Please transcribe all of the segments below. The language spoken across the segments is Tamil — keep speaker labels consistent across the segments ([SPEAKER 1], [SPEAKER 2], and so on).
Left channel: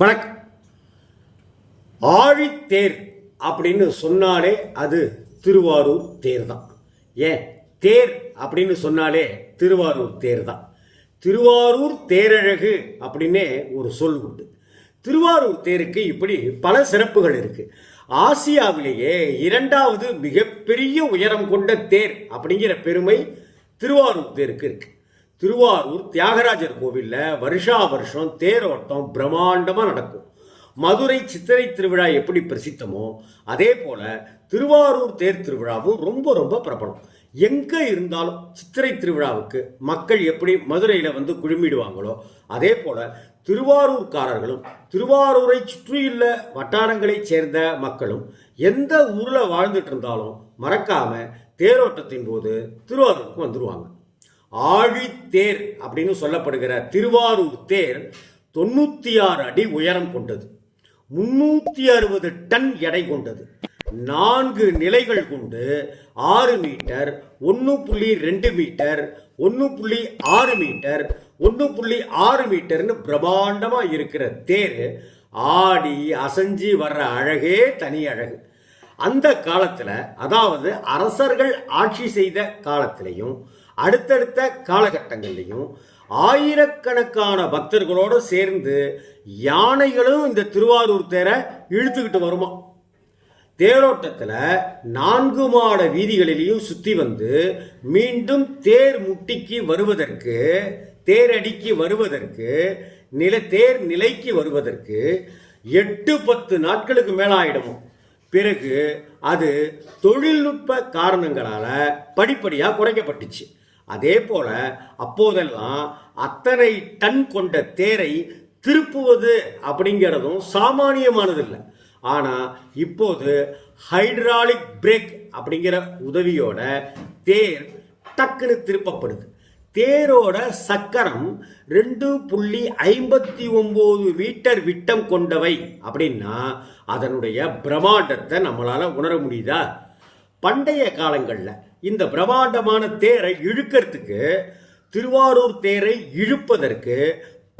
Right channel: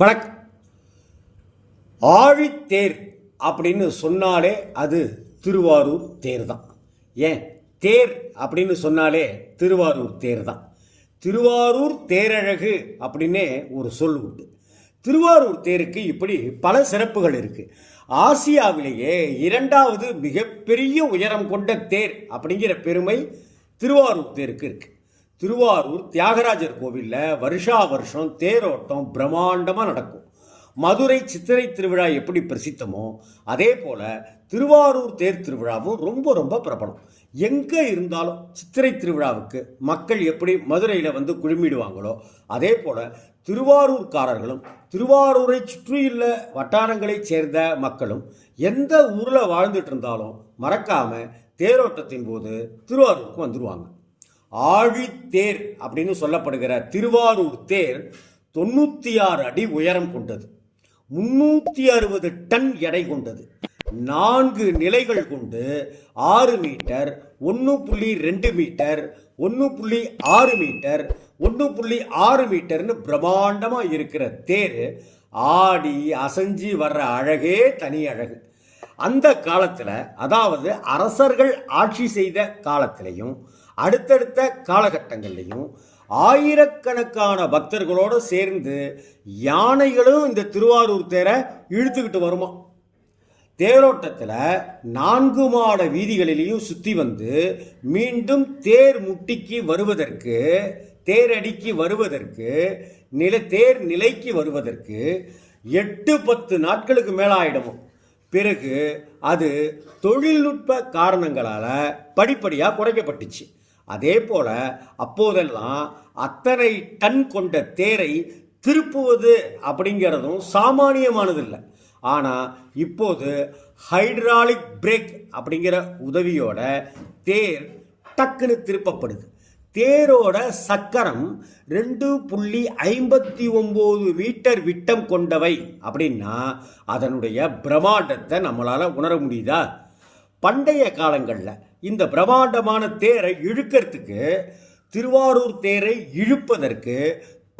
[SPEAKER 1] வணக்கம். ஆழித்தேர் அப்படின்னு சொன்னாலே அது திருவாரூர் தேர் தான். ஏன்? தேர் அப்படின்னு சொன்னாலே திருவாரூர் தேர் தான். திருவாரூர் தேரழகு அப்படின்னே ஒரு சொல் உண்டு. திருவாரூர் தேருக்கு இப்படி பல சிறப்புகள் இருக்குது ஆசியாவிலேயே இரண்டாவது மிகப்பெரிய உயரம் கொண்ட தேர் அப்படிங்கிற பெருமை திருவாரூர் தேருக்கு இருக்குது திருவாரூர் தியாகராஜர் கோவிலில் வருஷா வருஷம் தேரோட்டம் பிரம்மாண்டமாக நடக்கும். மதுரை சித்திரை திருவிழா எப்படி பிரசித்தமோ அதே போல் திருவாரூர் தேர் திருவிழாவும் ரொம்ப ரொம்ப பிரபலம். எங்கே இருந்தாலும் சித்திரை திருவிழாவுக்கு மக்கள் எப்படி மதுரையில் வந்து குழுமிடுவாங்களோ அதே போல் திருவாரூர்காரர்களும் திருவாரூரை சுற்றியுள்ள வட்டாரங்களைச் சேர்ந்த மக்களும் எந்த ஊரில் வாழ்ந்துட்டு இருந்தாலும் மறக்காமல் தேரோட்டத்தின் போது திருவாரூருக்கு வந்துடுவாங்க ஆழித்தேர் அப்படின்னு சொல்லப்படுகிற திருவாரூர் தேர் தொண்ணூற்றி ஆறு அடி உயரம் கொண்டது. முன்னூற்றி அறுபது டன் எடை கொண்டது. நான்கு நிலைகள் கொண்டு ஆறு மீட்டர் ஒன்று புள்ளி ரெண்டு மீட்டர் ஒன்று புள்ளி ஆறு மீட்டர் ஒன்று புள்ளி ஆறு மீட்டர்னு பிரம்மாண்டமாக இருக்கிற தேர் ஆடி அசைஞ்சு வர்ற அழகே தனி அழகு. அந்த காலத்தில் அதாவது அரசர்கள் ஆட்சி செய்த காலத்திலையும் அடுத்தடுத்த காலகட்டங்கள்லையும் ஆயிரக்கணக்கான பக்தர்களோடு சேர்ந்து யானைகளும் இந்த திருவாரூர் தேரை இழுத்துக்கிட்டு வருமா? தேரோட்டத்தில் நான்கு மாட வீதிகளிலையும் சுற்றி வந்து மீண்டும் தேர் முட்டிக்கு வருவதற்கு தேரடிக்கு வருவதற்கு நில தேர் நிலைக்கு வருவதற்கு எட்டு பத்து நாட்களுக்கு மேலே ஆயிடுமோ பிறகு அது தொழில்நுட்ப காரணங்களால் படிப்படியாக குறைக்கப்பட்டுச்சு. அதே போல அப்போதெல்லாம் அத்தனை டன் கொண்ட தேரை திருப்புவது அப்படிங்கிறதும் சாமானியமானதில்லை. ஆனால் இப்போது ஹைட்ராலிக் பிரேக் அப்படிங்கிற உதவியோட தேர் டக்குன்னு திருப்பப்படுது. தேரோட சக்கரம் ரெண்டு புள்ளி ஐம்பத்தி ஒம்பது மீட்டர் விட்டம் கொண்டவை அப்படின்னா அதனுடைய பிரம்மாண்டத்தை நம்மளால் உணர முடியுதா? பண்டைய காலங்களில் இந்த பிரம்மாண்டமான தேரை இழுக்கிறதுக்கு திருவாரூர் தேரை இழுப்பதற்கு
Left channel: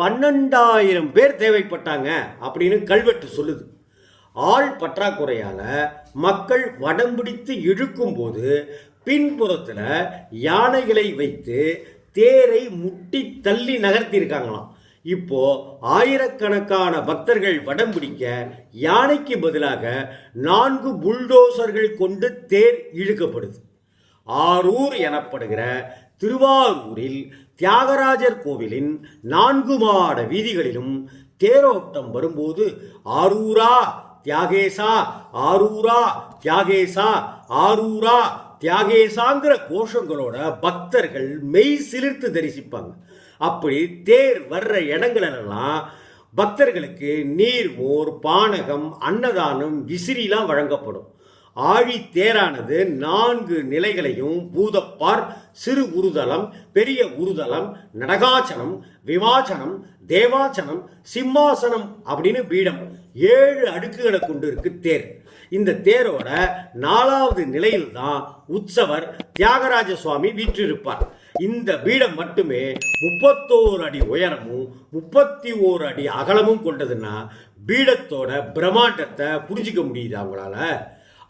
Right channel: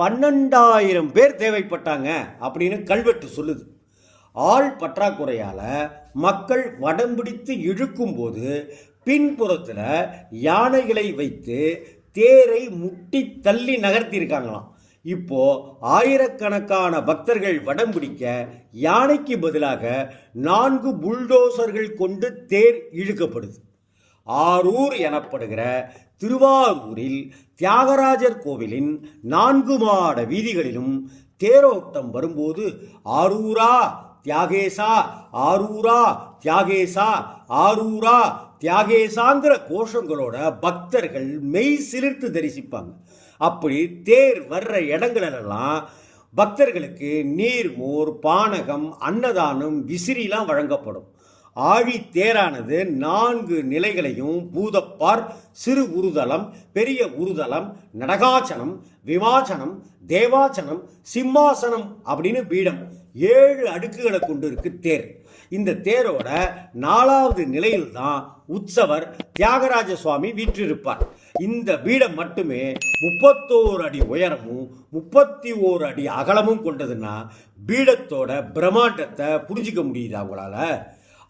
[SPEAKER 1] பன்னெண்டாயிரம் பேர் தேவைப்பட்டாங்க அப்படின்னு கல்வெட்டு சொல்லுது. ஆள் பற்றாக்குறையால் மக்கள் வடம் பிடித்து இழுக்கும்போது பின்புறத்தில் யானைகளை வைத்து தேரை முட்டி தள்ளி நகர்த்தியிருக்காங்களாம். இப்போ ஆயிரக்கணக்கான பக்தர்கள் வடம் பிடிக்க யானைக்கு பதிலாக நான்கு புல்டோசர்கள் கொண்டு தேர் இழுக்கப்படுது. ஆரூர் எனப்படுகிற திருவாரூரில் தியாகராஜர் கோவிலின் நான்கு மாட வீதிகளிலும் தேரோட்டம் வரும்போது ஆரூரா தியாகேசா ஆரூரா தியாகேசா ஆரூரா தியாகேசாங்கிற கோஷங்களோட பக்தர்கள் மெய் சிலிர்த்து தரிசிப்பாங்க. அப்படி தேர் வர்ற இடங்களெல்லாம் பக்தர்களுக்கு நீர் மோர் பானகம் அன்னதானம் விசிறிலாம் வழங்கப்படும். ஆழி தேரானது நான்கு நிலைகளையும் பூதப்பார் சிறு உருதலம் பெரிய உருதலம் நடகாச்சனம் விவாச்சனம் தேவாச்சனம் சிம்மாசனம் அப்படின்னு பீடம் ஏழு அடுக்குகளை கொண்டு இருக்கு தேர். இந்த தேரோட நாலாவது நிலையில் தான் உற்சவர் தியாகராஜ சுவாமி வீற்றிருப்பார். இந்த பீடம் மட்டுமே முப்பத்தோரு அடி உயரமும் முப்பத்தி ஓரு அடி அகலமும் கொண்டதுன்னா பீடத்தோட பிரம்மாண்டத்தை புரிஞ்சிக்க முடியுது அவங்களால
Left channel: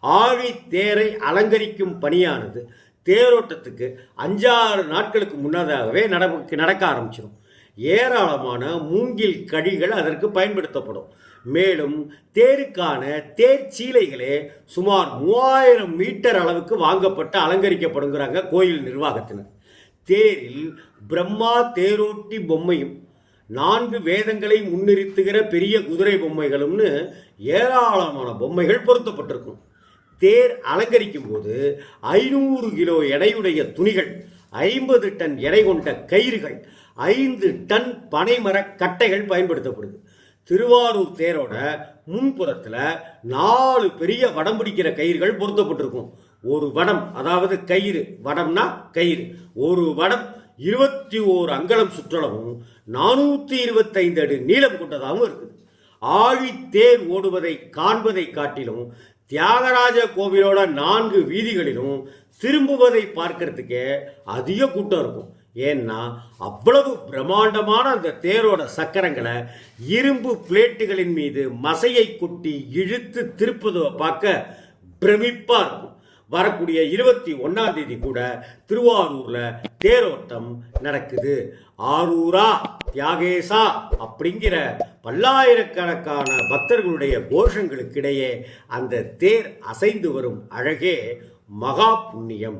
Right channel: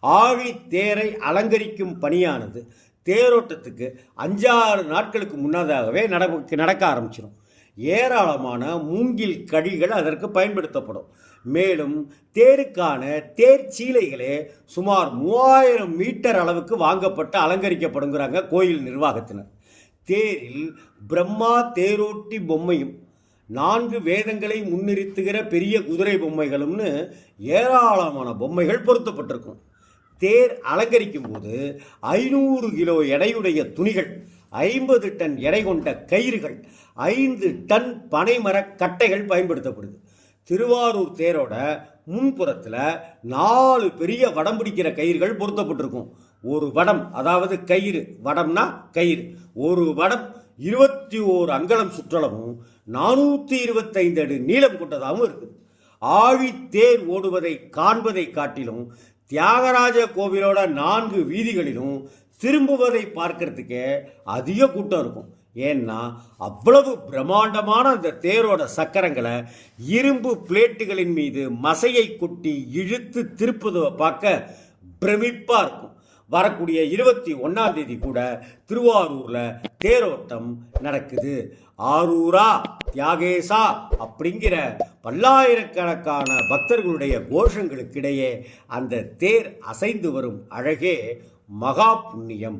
[SPEAKER 1] ஆழி தேரை அலங்கரிக்கும் பணியானது தேரோட்டத்துக்கு அஞ்சாறு நாட்களுக்கு முன்னதாகவே நட நடக்க ஆரம்பிச்சிடும் ஏராளமான மூங்கில் கழிகள் அதற்கு பயன்படுத்தப்படும். மேலும் தேருக்கான தேர் சீலைகளே சுமார் மூவாயிரம் மீட்டர் அளவுக்கு வாங்கப்பட்டு அலங்கரிக்கப்படுங்கிறாங்க கோயில் நிர்வாகத்தினர். தேரில் பிரம்மா தேரோட்டி பொம்மையும் நான்கு வேதங்களை முன்னிறுத்துகிற பெரிய குதிரை பொம்மைகளும்னு ஏராளமான பொம்மைகள் பொருத்தப்பட்டிருக்கும். தேர் அலங்கரிக்கும் போது ஐநூறு கிலோ எடையுடைய துணிகள் ஐம்பது டன் எடை கொண்ட கயிறுகள் ஐந்து டன் பனைமர கட்டைகள் பயன்படுத்தப்படுது. திருவாரூர் தேரோட முன்புறத்தில் நாலு பெரிய வடம் பிடிக்கிற கயிறுகள் பொருத்தப்பட்டிருக்கும். ஒரு வடம் அதாவது கயிறு. வடம்னா கயிறு. ஒரு வடம் இருபத்தி ஓரு அங்கலம் சுற்றளவும் நானூற்றி இருபத்தைந்து அடி நீளம் கொண்டதாகவும் இருக்குது. ஆழி தேர் ஓடுவதை காண்பதை காட்டிலும் தியாகராஜ கோவிலோட நான்கு வீதிகளிலும் திரும்புவதை பார்க்கறதுக்கே அதிக கூட்டம் இருக்கும். ஏன்னா அவ்வளவு பிரம்மாண்டமான அந்த தேரோட சக்கரங்களை இரும்பு பிளேட்டுகளின் மீது மசையை கொட்டி இழுத்து திருப்புவதை பார்க்க பிரமிப்பாக இருக்கும். வரக்கூடிய இருபத்தி ஒன்னாம் தேதி கூட திருவாரூர்ல தேரோட்டம் நடக்குது. ஆரூரா தியாகேசா அப்படிங்கிற பல்லாயிரக்கணக்கான பக்தர்களுடைய கோஷங்களுக்கிடையே அந்த தேர் அசைந்து வரும் அழகே மகா புண்ணியம்.